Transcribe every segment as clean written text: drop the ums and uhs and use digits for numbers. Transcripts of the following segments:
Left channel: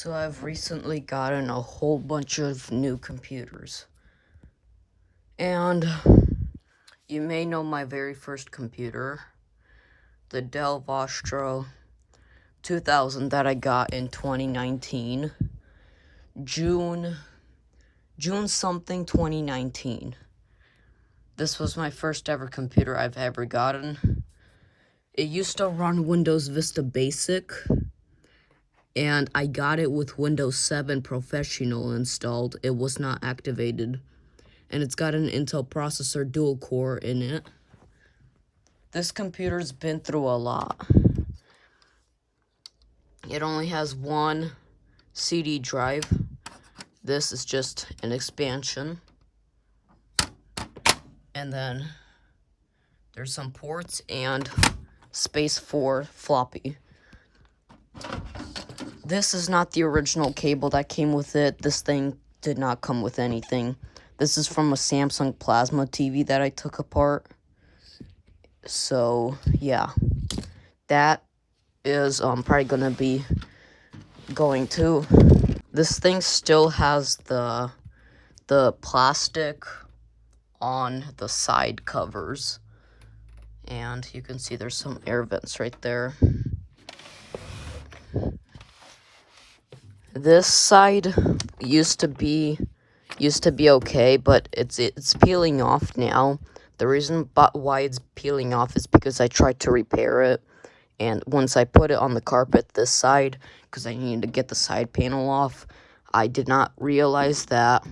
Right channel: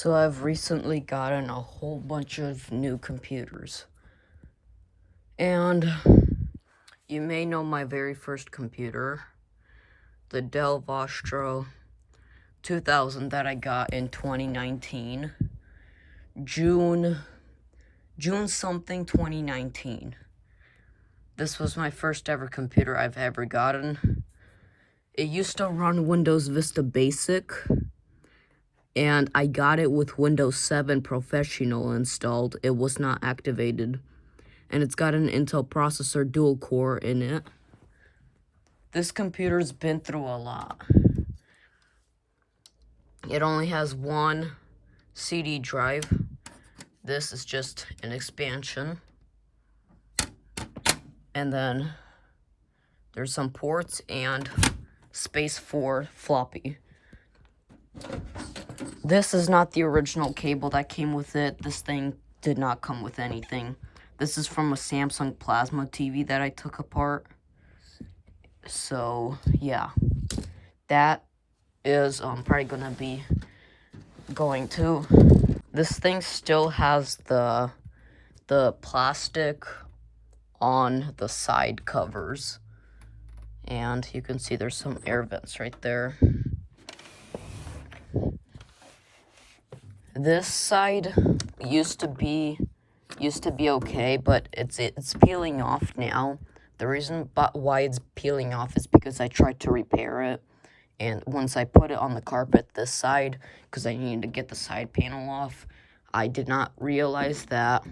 So I've recently gotten a whole bunch of new computers. And you may know my very first computer, the Dell Vostro 2000 that I got in 2019. June something 2019. This was my first ever computer I've ever gotten. It used to run Windows Vista Basic, and I got it with Windows 7 Professional installed. It was not activated. And it's got an Intel processor dual core in it. This computer's been through a lot. It only has one CD drive. This is just an expansion. And then there's some ports and space for floppy. This is not the original cable that came with it. This thing did not come with anything. This is from a Samsung Plasma TV that I took apart. So, yeah. That is probably going to be going too. This thing still has the plastic on the side covers. And you can see there's some air vents right there. This side used to be okay, but it's peeling off now. The reason why it's peeling off is because I tried to repair it, and once I put it on the carpet this side, because I needed to get the side panel off, I did not realize that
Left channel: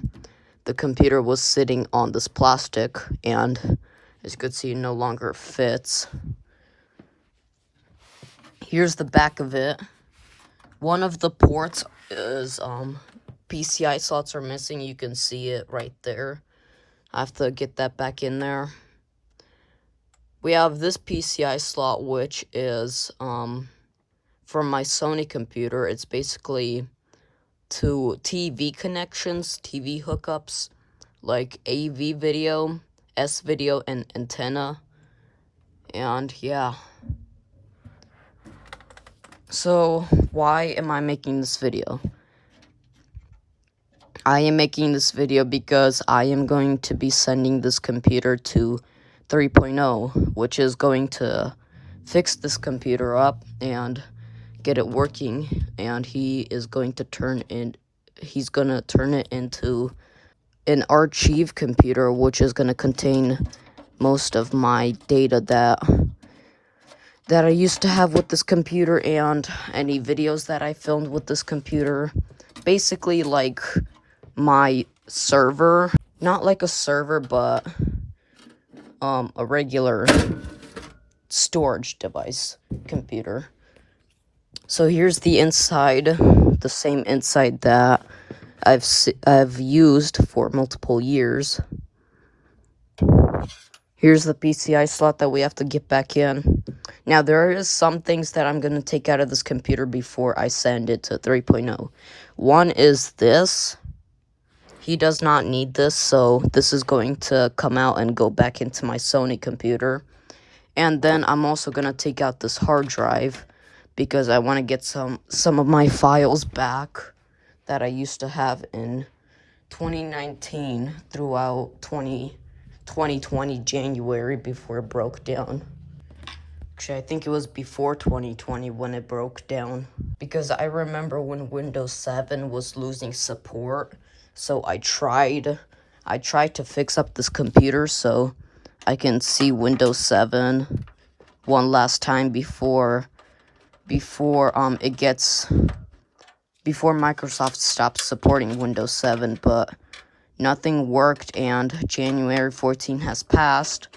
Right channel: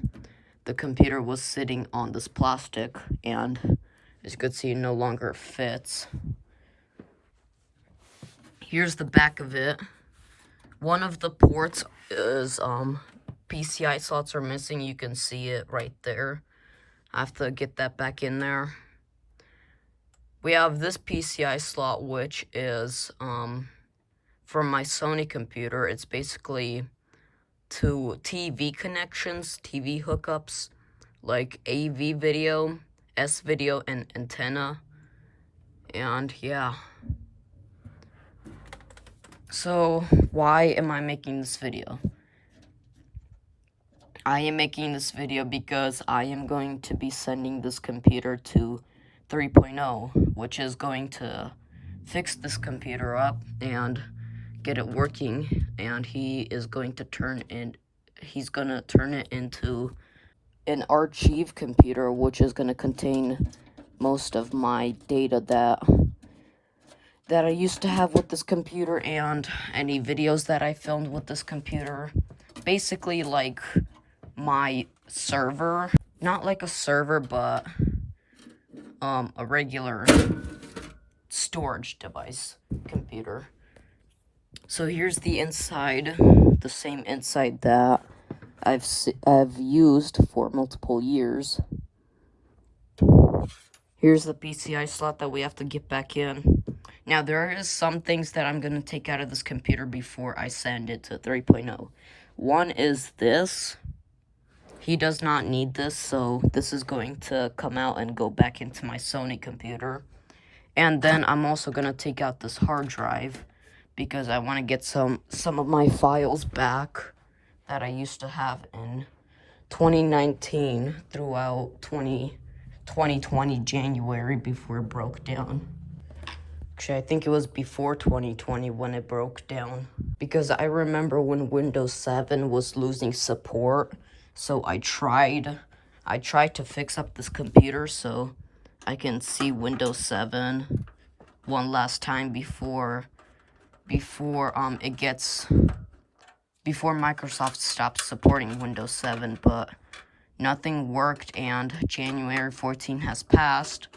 the computer was sitting on this plastic, and as you can see, it no longer fits. Here's the back of it. One of the ports is PCI slots are missing. You can see it right there. I have to get that back in there. We have this PCI slot, which is from my Sony computer. It's basically to TV connections, TV hookups, like AV video, S video, and antenna. And yeah. So, why am I making this video? I am making this video because I am going to be sending this computer to 3.0, which is going to fix this computer up and get it working, and he's going to turn it into an archive computer, which is going to contain most of my data that I used to have with this computer and any videos that I filmed with this computer. Basically, like my server. Not like a server, but a regular storage device computer. So here's the inside, the same inside that I've used for multiple years. Here's the PCI slot that we have to get back in. Now, there is some things that I'm going to take out of this computer before I send it to 3.0. One is this. He does not need this, so this is going to come out and go back into my Sony computer. And then I'm also going to take out this hard drive because I want to get some of my files back that I used to have in 2019 throughout 2020 January before it broke down. Actually, I think it was before 2020 when it broke down, because I remember when Windows 7 was losing support, so I tried to fix up this computer so I can see Windows 7 one last time before Microsoft stops supporting Windows 7, but nothing worked, and January 14 has passed,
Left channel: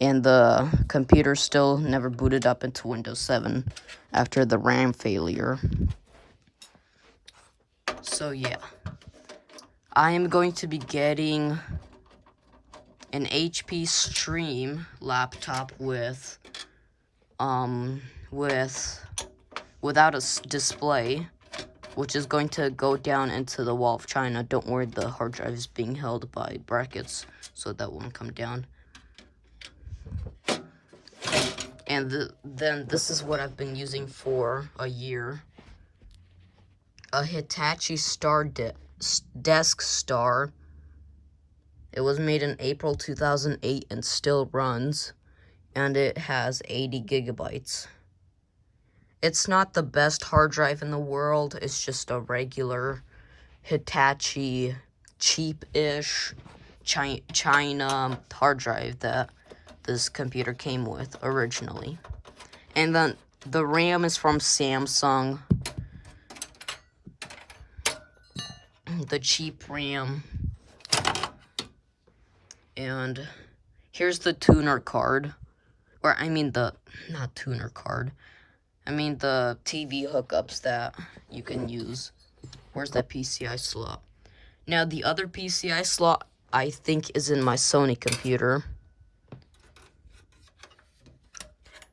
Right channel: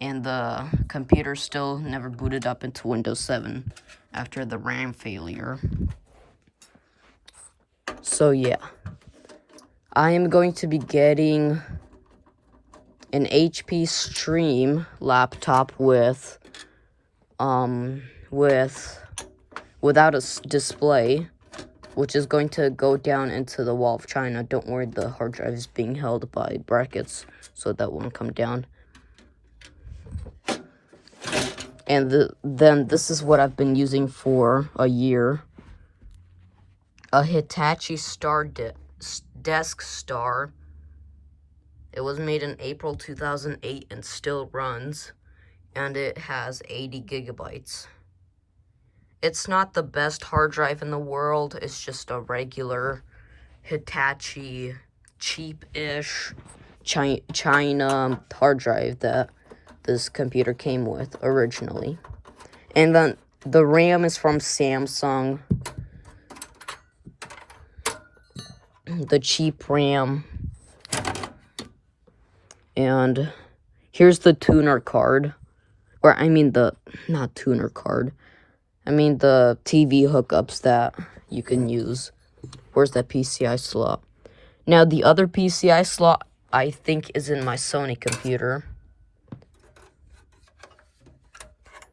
and the computer still never booted up into Windows 7 after the RAM failure. So yeah, I am going to be getting an HP Stream laptop without a display, which is going to go down into the wall of China. Don't worry, the hard drive is being held by brackets, so that won't come down. And then this is what I've been using for a year. a Hitachi Desk Star. It was made in April 2008 and still runs, and it has 80 gigabytes. It's not the best hard drive in the world. It's just a regular Hitachi, cheap-ish China hard drive that this computer came with originally. And then the RAM is from Samsung. The cheap RAM. And here's the tuner card. Or I mean not tuner card. I mean the TV hookups that you can use. Where's that PCI slot? Now the other PCI slot I think is in my Sony computer.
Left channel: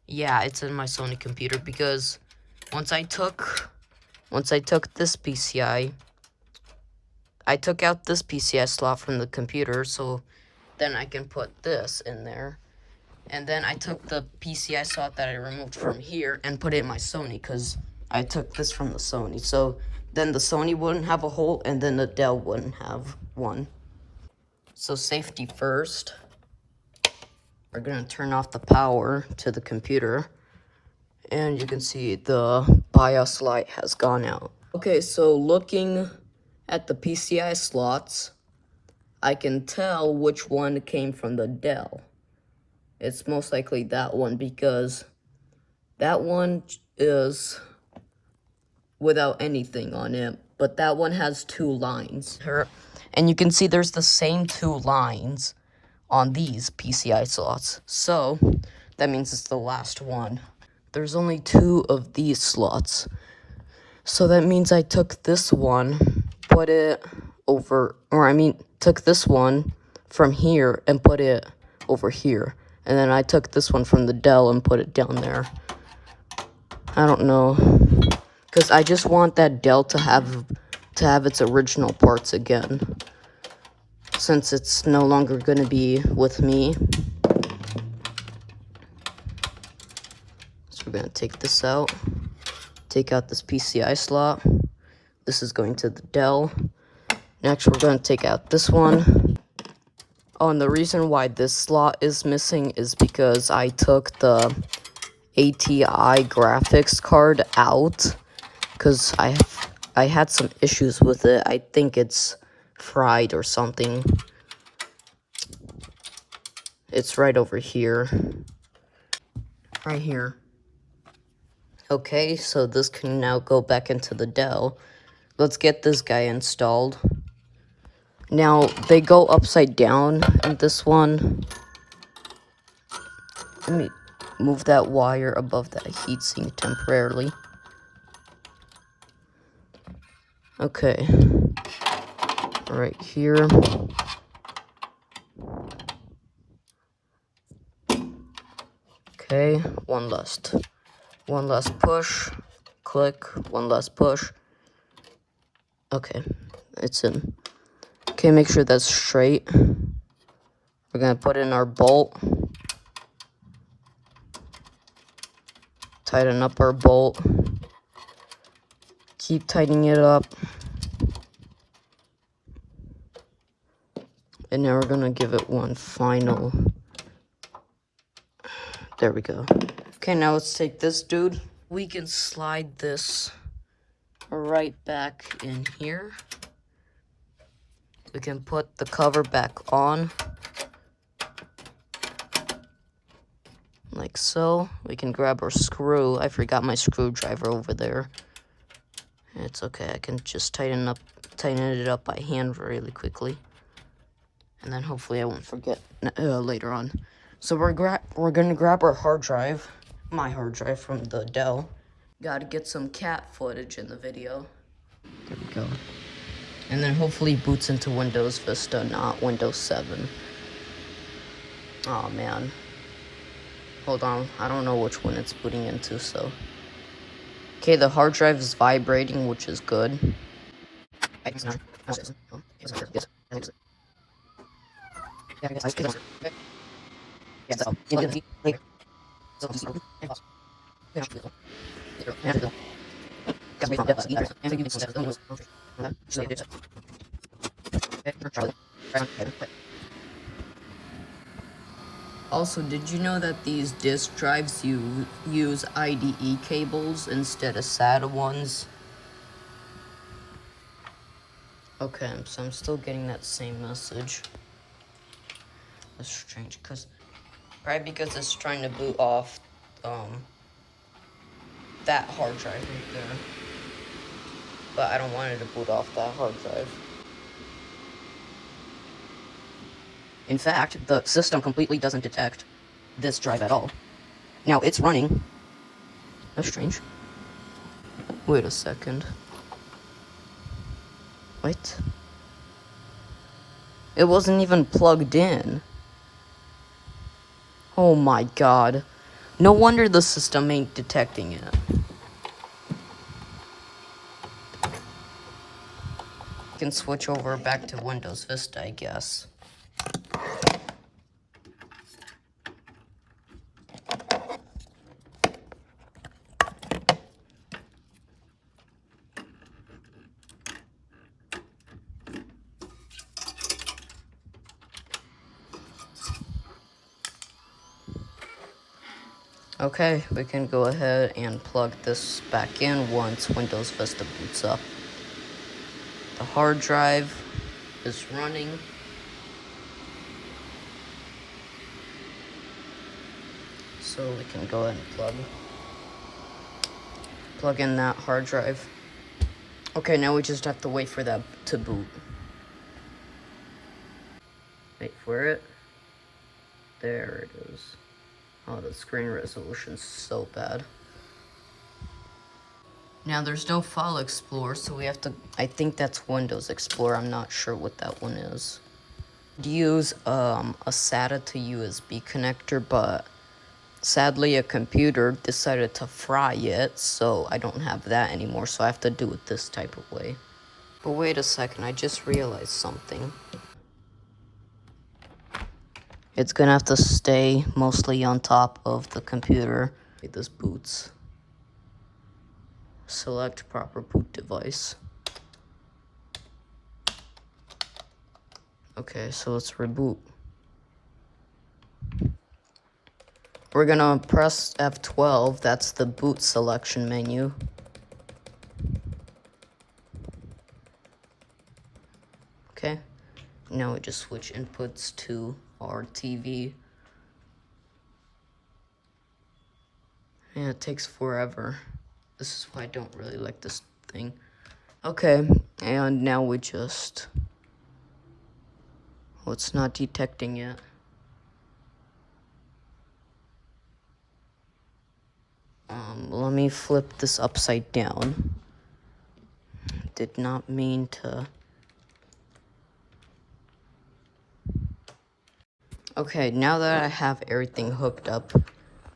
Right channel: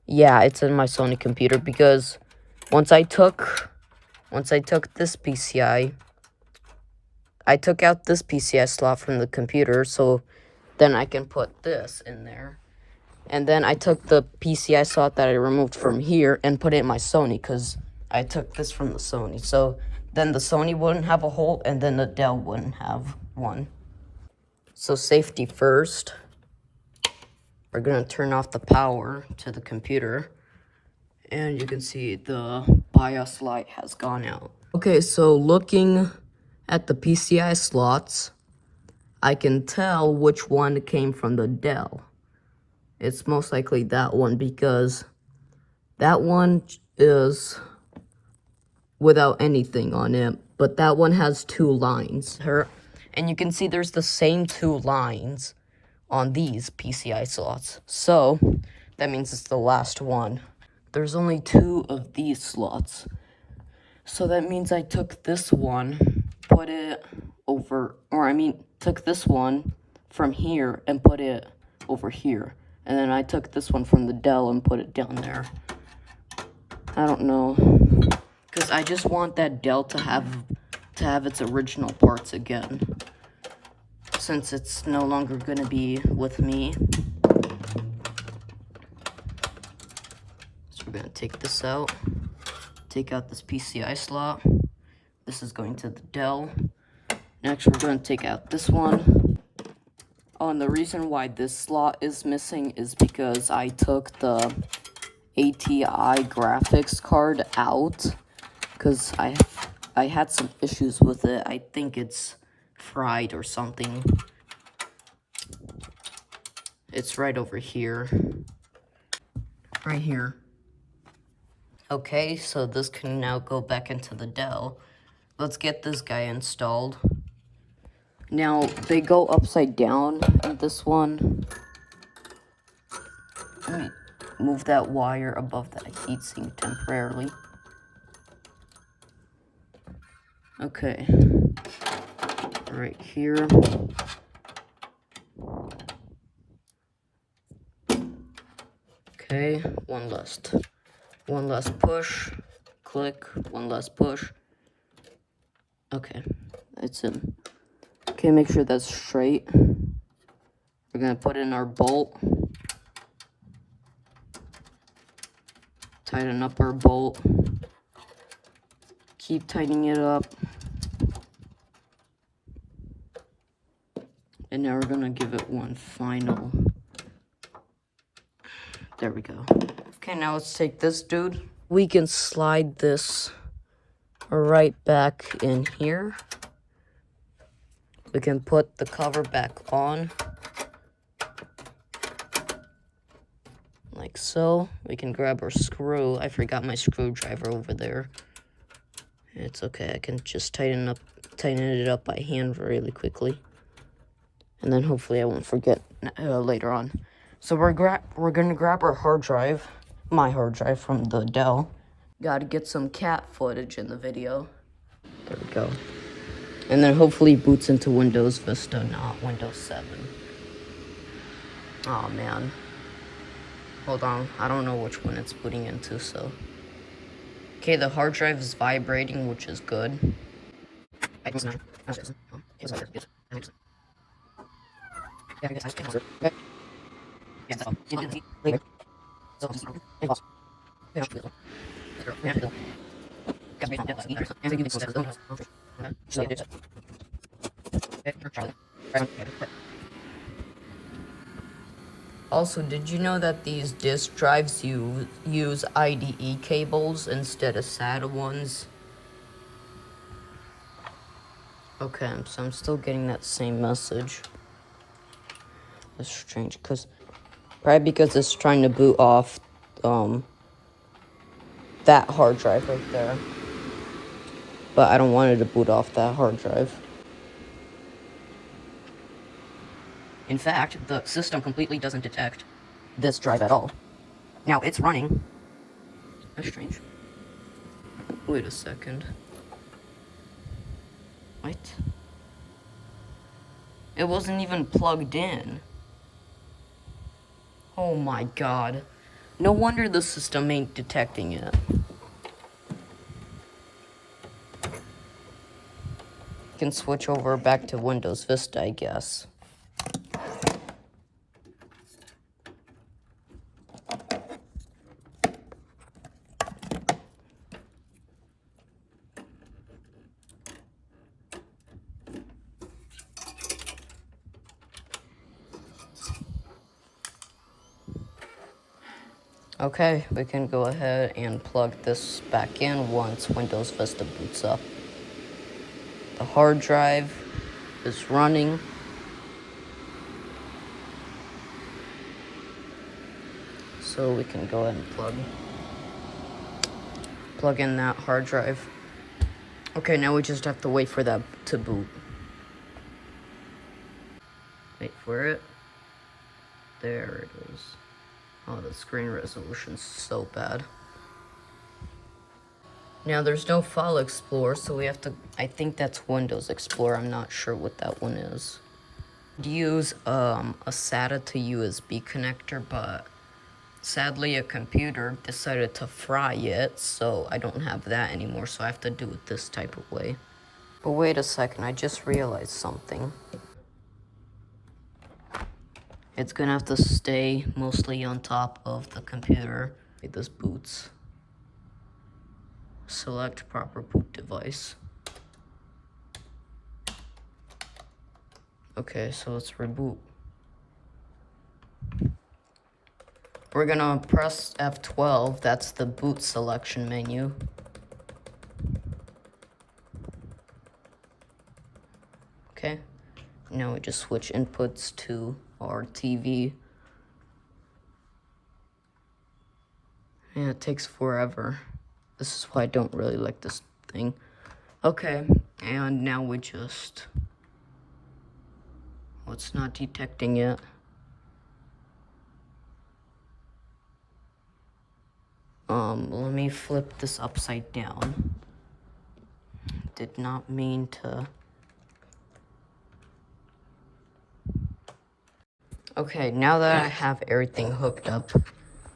Yeah, it's in my Sony computer because once I took this PCI, I took out this PCI slot from the computer, so then I can put this in there. And then I took the PCI slot that I removed from here and put it in my Sony because I took this from the Sony. So then the Sony wouldn't have a hole and then the Dell wouldn't have one. So safety first. We're going to turn off the power to the computer. And you can see the BIOS light has gone out. Okay, so looking at the PCI slots, I can tell which one came from the Dell. It's most likely that one because that one is without anything on it, but that one has 2 lines. And you can see there's the same 2 lines on these PCI slots. So that means it's the last one. There's only 2 of these slots. So that means I took this one, put it over, took this one from here and put it over here. And then I took this one from the Dell and put it down there. I don't know. Because I just want that Dell to have its original parts again. Since it's no longer going to be with me. So we're going to take this out. Take out this PCI slot. This is going to the Dell. Next, we're going to take out this one. Oh, and the reason why this slot is missing is because I took the ATI graphics card out. Because I had some issues with it. I think it's fried or something. It's right over here. Right here. Okay, so this can now go back into the Dell. Let's get this guy installed. Now, they go upside down in this one. Let me move that wire above that heatsink temporarily. Okay. Right here. Okay, one last push. Click, one last push. Okay, it's in. Okay, make sure that's straight. We're gonna put in our bolt. Tighten up our bolt. Keep tightening it up. And now we're gonna give it one final. There we go. Okay, now let's take this dude. We can slide this right back in here. We can put the cover back on. Like so. We can grab our screw. I forgot my screwdriver over there. It's okay, I can just tighten it up by hand really quickly. And then hopefully I won't forget later on. So we're gonna grab our hard drive, my hard drive from the Dell. Gotta get some cat footage in the video. There we go. And then hopefully boots into Windows Vista, not Windows 7. Oh man. Hold on, I don't know which one it's booting into, so. Okay, the hard drive is vibrating, which is good. Also, did you know that these disk drives use IDE cables instead of SATA ones? Okay, so I'm still getting that same message. That's strange, probably because it's trying to boot off, that hard drive right there. But I don't want it to boot off that hard drive. In fact, the system completely doesn't detect this drive at all. Now, it's running. That's strange. Wait a second. Wait. It wasn't even plugged in. Oh my god. No wonder the system ain't detecting it. Can switch over back to Windows Vista, I guess. Okay, we can go ahead and plug this back in once Windows Vista boots up. The hard drive is running. So we can go ahead and plug in that hard drive. Okay, now we just have to wait for that to boot. Wait for it. There it is. Oh, the screen resolution's so bad. Now there's no File Explorer, so we have to, I think that's Windows Explorer, I'm not sure what that one is. Use a SATA to USB connector, but sadly a computer decided to fry it, so I don't have that anymore, so I have to do it this type of way. But wait a second, I just realized something. It's gonna have to stay mostly on top of the computer. This boots. Select proper boot device. Okay, so let's reboot. We're gonna press F12, that's the boot selection menu. Okay, now we just switch inputs to our TV. Yeah, it takes forever. This is why I don't really like this thing. Okay, and now we just... Well, it's not detecting yet. Let me flip this upside down. Did not mean to... Okay, now that I have everything hooked up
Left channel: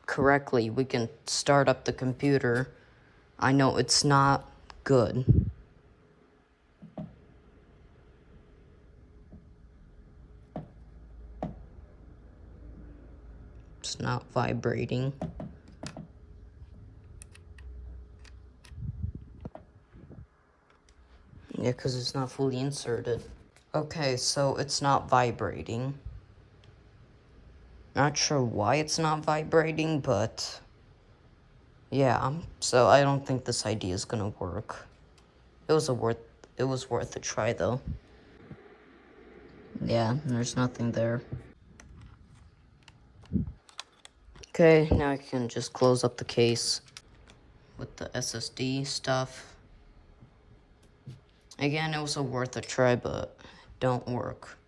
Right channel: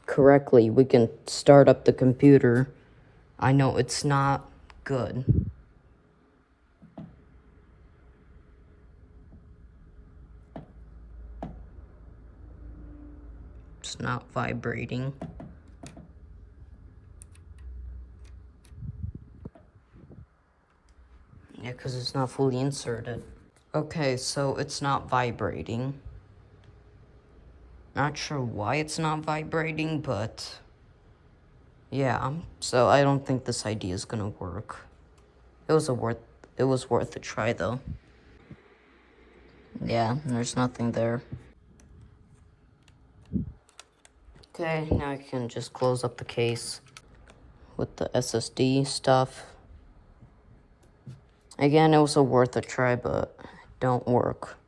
correctly, we can start up the computer. I know it's not good. It's not vibrating. Yeah, because it's not fully inserted. Okay, so it's not vibrating. Not sure why it's not vibrating, but yeah, so I don't think this idea is gonna work. It was worth a try though. Yeah, there's nothing there. Okay, now I can just close up the case with the SSD stuff. Again, it was worth a try, but it don't work.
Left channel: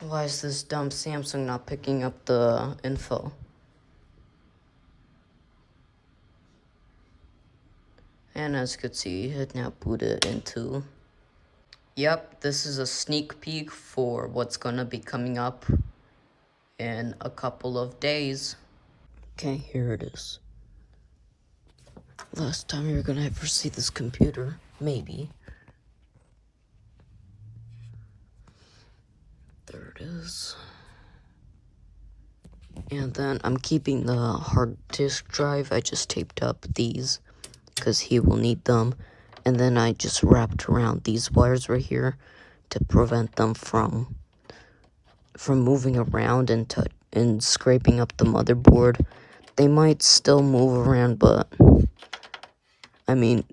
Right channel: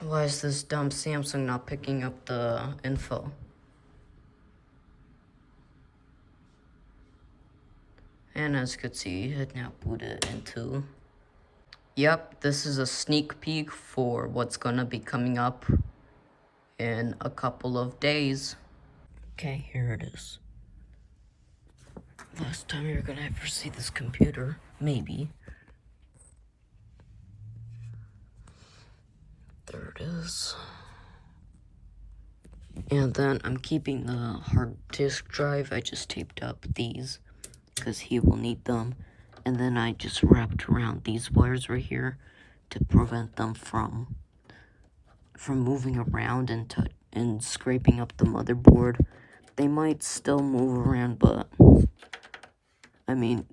Why is this dumb Samsung not picking up the info? And as you could see, it now booted into... Yep, this is a sneak peek for what's gonna be coming up in a couple of days. Okay, here it is. Last time you're gonna ever see this computer, maybe. There it is. And then I'm keeping the hard disk drive. I just taped up these because he will need them. And then I just wrapped around these wires right here to prevent them from moving around and scraping up the motherboard. They might still move around, but I mean,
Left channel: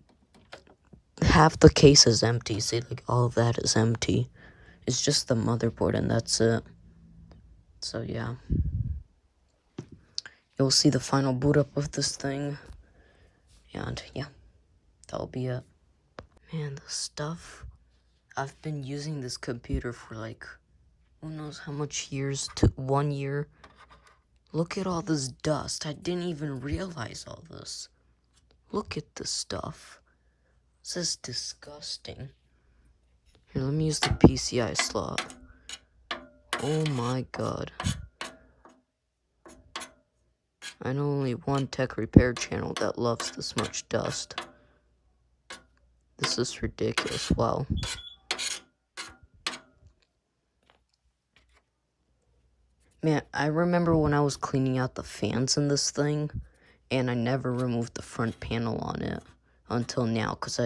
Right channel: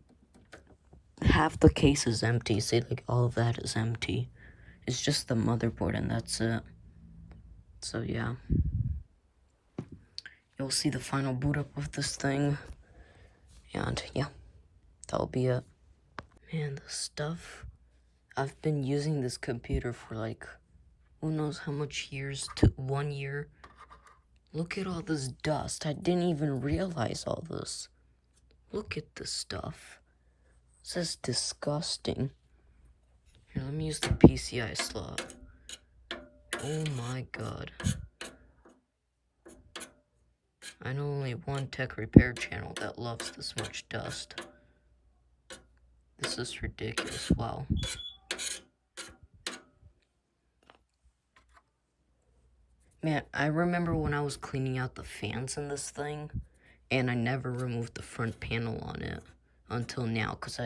half the case is empty. See, like, all of that is empty. It's just the motherboard, and that's it. So, yeah. You'll see the final boot up of this thing. And, yeah. That'll be it. Man, the stuff. I've been using this computer for, like, who knows how much years? 1 year. Look at all this dust. I didn't even realize all this. Look at this stuff. This is disgusting. Here, let me use the PCI slot. Oh my god. I know only one tech repair channel that loves this much dust. This is ridiculous. Wow. Man, I remember when I was cleaning out the fans in this thing, and I never removed the front panel on it until now, because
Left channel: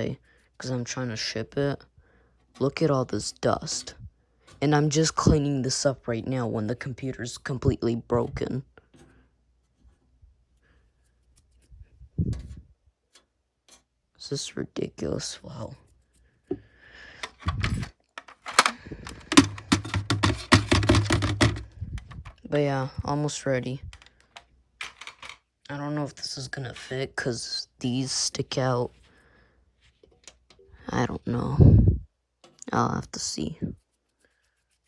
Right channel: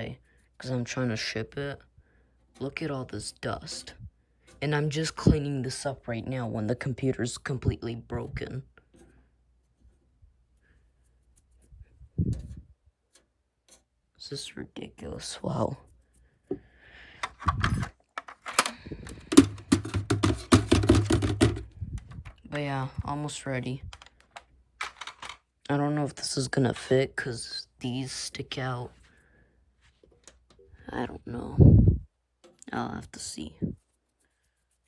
I'm trying to ship it. Look at all this dust. And I'm just cleaning this up right now when the computer's completely broken. This is ridiculous. Wow. But yeah, almost ready. I don't know if this is gonna fit because these stick out. I don't know. I'll have to see.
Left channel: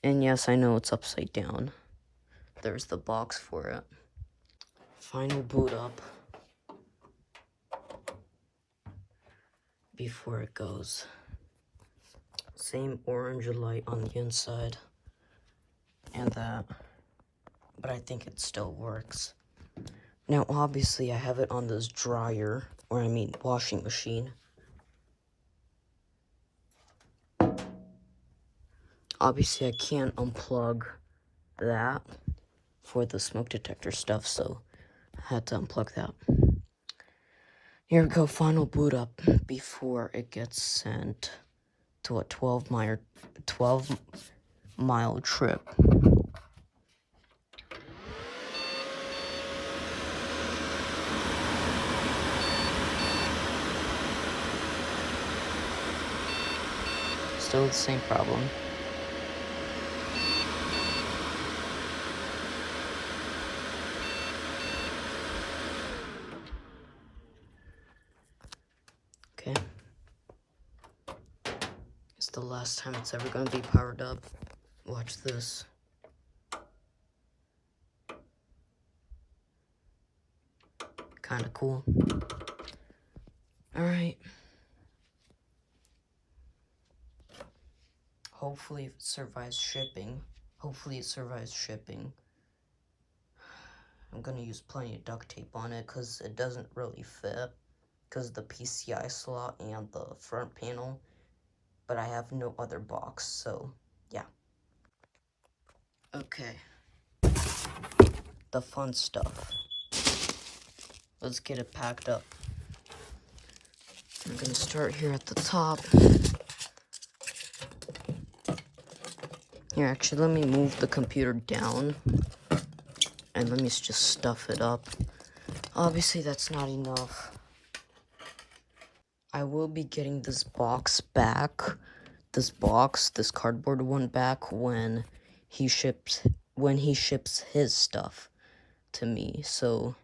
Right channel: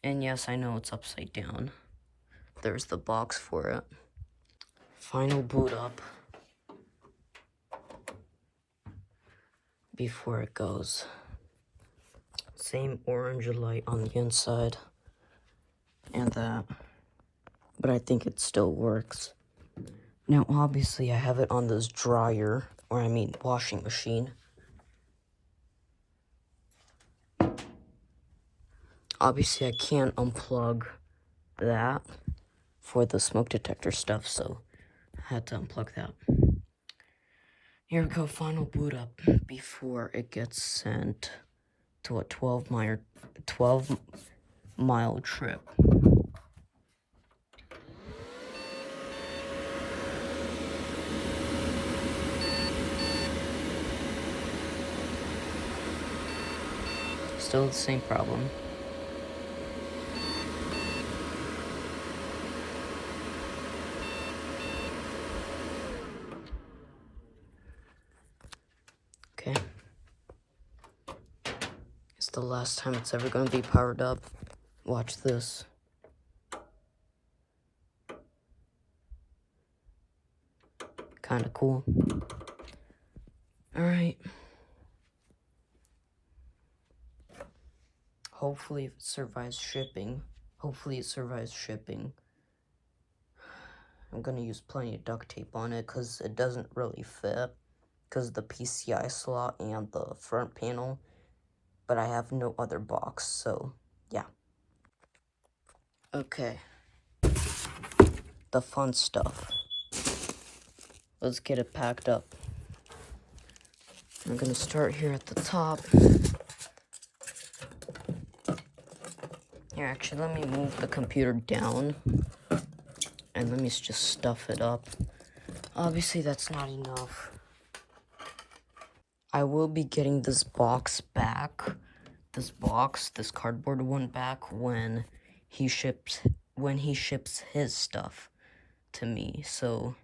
And yes, I know it's upside down. There's the box for it. Final boot up before it goes. Same orange light on the inside and that. But I think it still works. Now, obviously, I have it on this dryer, or I mean washing machine. Obviously, I can't unplug that for the smoke detector stuff, so I had to unplug that. Here we go, final boot up before it gets sent to a 12-mile trip. Still the same problem. Okay. It's the last time it's ever going to be powered up. Watch this. Kind of cool. Alright. Hopefully it survives shipping. I'm going to use plenty of duct tape on it because it doesn't really fit. Because of the PCI slot and the front panel. But I have no other box, so yeah. Okay. The fun stuff. Let's get it packed up. I'm gonna start here at the top. Here, actually, let me move the computer down. And let me just stuff it up. Obviously, that's not enough. I will be getting this box back. This cardboard one back when he ships his stuff to me. So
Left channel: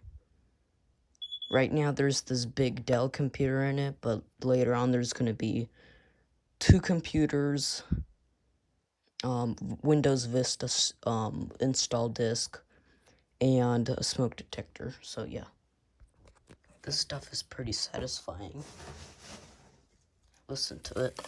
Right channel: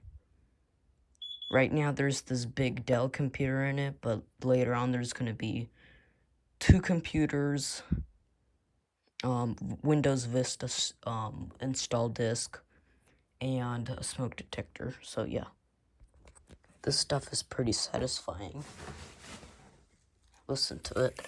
right now there's this big Dell computer in it, but later on there's gonna be 2 computers, Windows Vista install disk, and a smoke detector. So yeah, this stuff is pretty satisfying. Listen to it.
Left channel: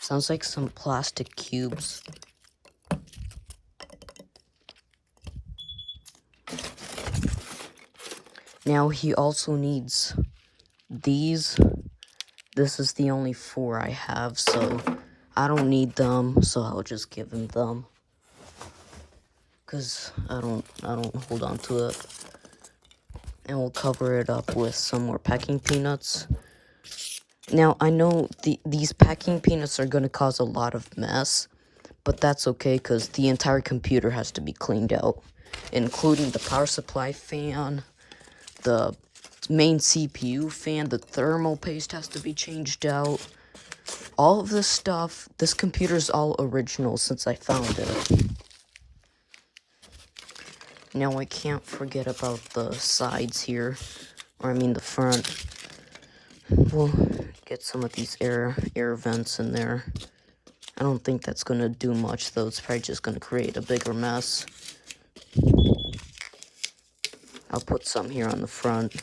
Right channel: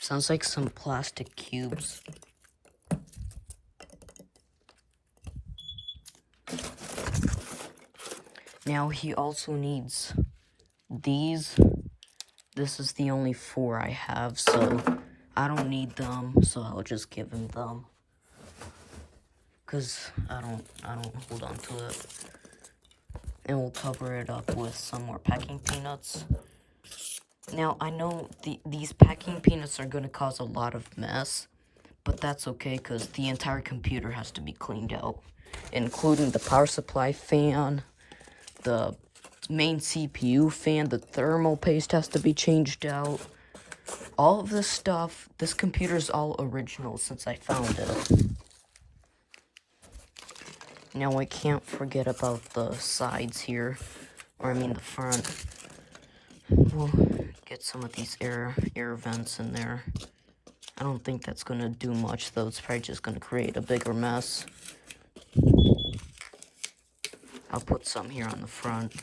Sounds like some plastic cubes. Now he also needs these. This is the only 4 I have, so I don't need them, so I'll just give him them. because I don't hold on to it. And we'll cover it up with some more packing peanuts. Now, I know these packing peanuts are going to cause a lot of mess, but that's okay because the entire computer has to be cleaned out, including the power supply fan, the main CPU fan, the thermal paste has to be changed out. All of this stuff, this computer's all original since I found it. Now, I can't forget about the sides here, or I mean the front. We'll get some of these air vents in there. I don't think that's going to do much, though. It's probably just going to create a bigger mess. I'll put some here on the front.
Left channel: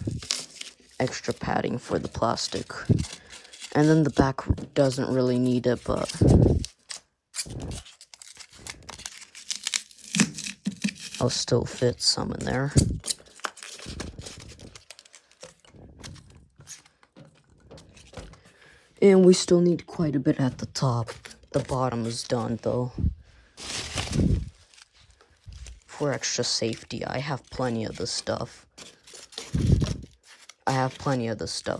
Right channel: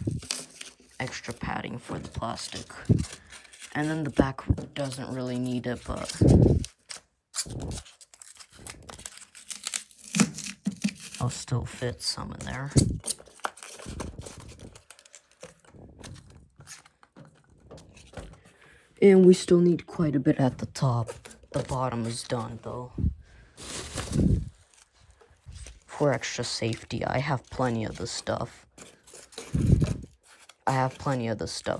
Extra padding for the plastic. And then the back doesn't really need it, but I'll still fit some in there. And we still need quite a bit at the top. The bottom is done, though. For extra safety, I have plenty of this stuff.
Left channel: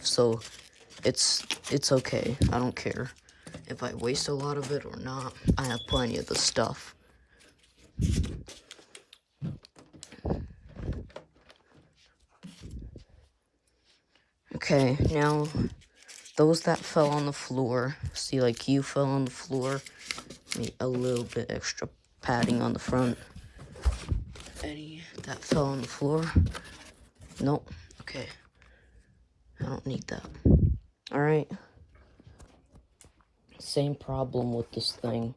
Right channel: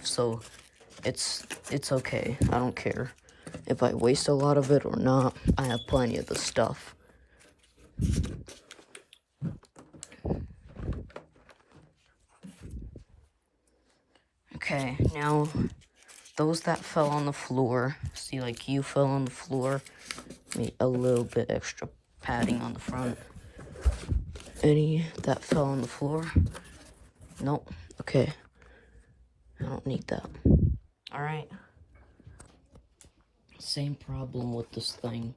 So it's okay. I don't care if I waste a lot of it or not. I have plenty of this stuff. Okay, now those that fell on the floor, see, like you fell on the floor, need a little bit extra padding on the front. Any that fell on the floor? Nope. Okay. I don't need that. Alright. Same problem with this thing.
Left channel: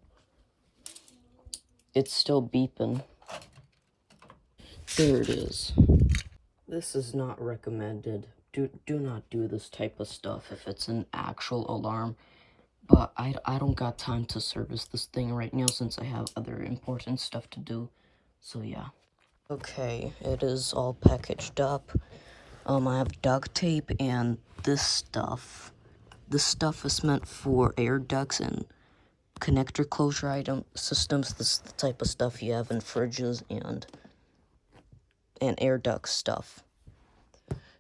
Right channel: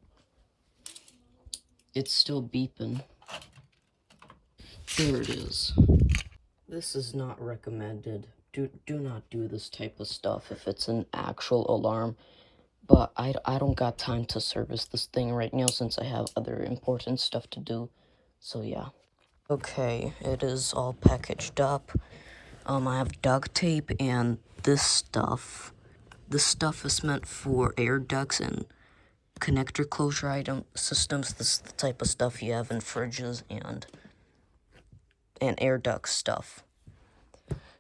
It's still beeping. There it is. This is not recommended. Do not do this type of stuff if it's an actual alarm. But I don't got time to service this thing right now since I have other important stuff to do. So yeah. Okay, it is all packaged up. I have duct tape and this stuff. This stuff is meant for air ducts and connector closure item systems. This is the type of stuff you have in fridges and air duct stuff.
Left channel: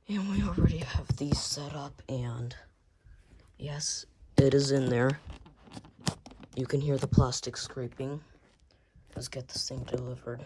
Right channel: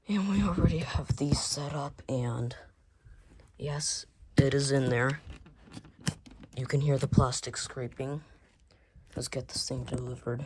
And we already have these set up, and yes, it is in there. You can hear the plastic scraping. Let's get this thing delivered.